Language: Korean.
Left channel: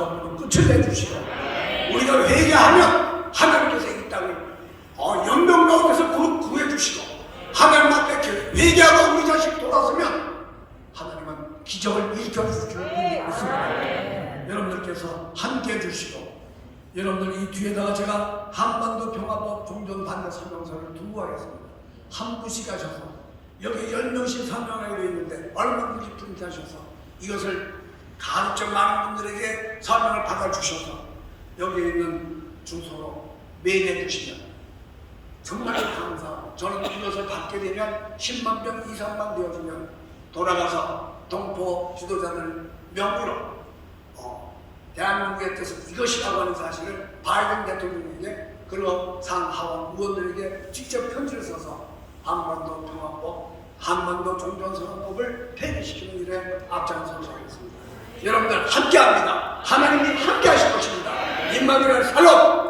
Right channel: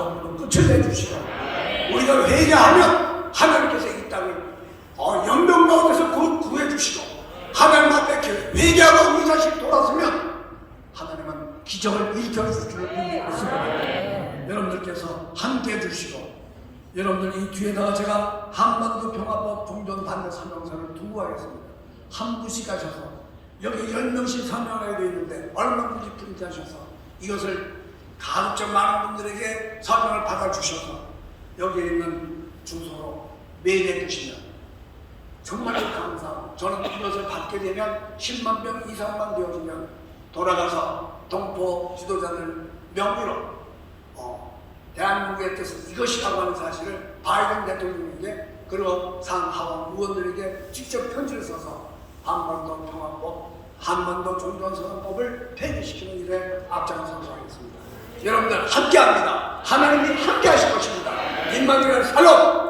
끝을 내주시고 우리가 회개하면 하나님께서 이 땅을 어, 연명 가운데서 구- 구해주시고 하나님 앞에 회개하고 우리 자식 돌아서면 하나님은 기적을 일으켜주실 줄 믿습니다. 여러분들께서 함께 해주시고 여러분들 이 뒤에다가 제가 한반도 평화법 종전 반대 설명서를 두고 가겠습니다. 한 분씩 가셔서 여기 열 명씩 설명하고 있는데 얼마든지 프린트하셔서 이것을 가급적 많은 분들에게 설명을 받아주셔서 여기 있는 주소로 메일해 주시면 정말 감사. 저는 이것을 받게 되면 10만 병 이상만 되어주면 돌아가서 동포 지도자들 명의로 어, 대한민국의 뜻은 이것이라고 하는 사실을 바이든 대통령에게 그리고 상하원 의원들에게 직접 편지를 써서 한반도 통합법, 한반도 종전선언법을 폐기시키는 일에 하겠습니다. 여러분들 함께합니다. 하나님이 함께하실 것입니다. 임마누엘 살로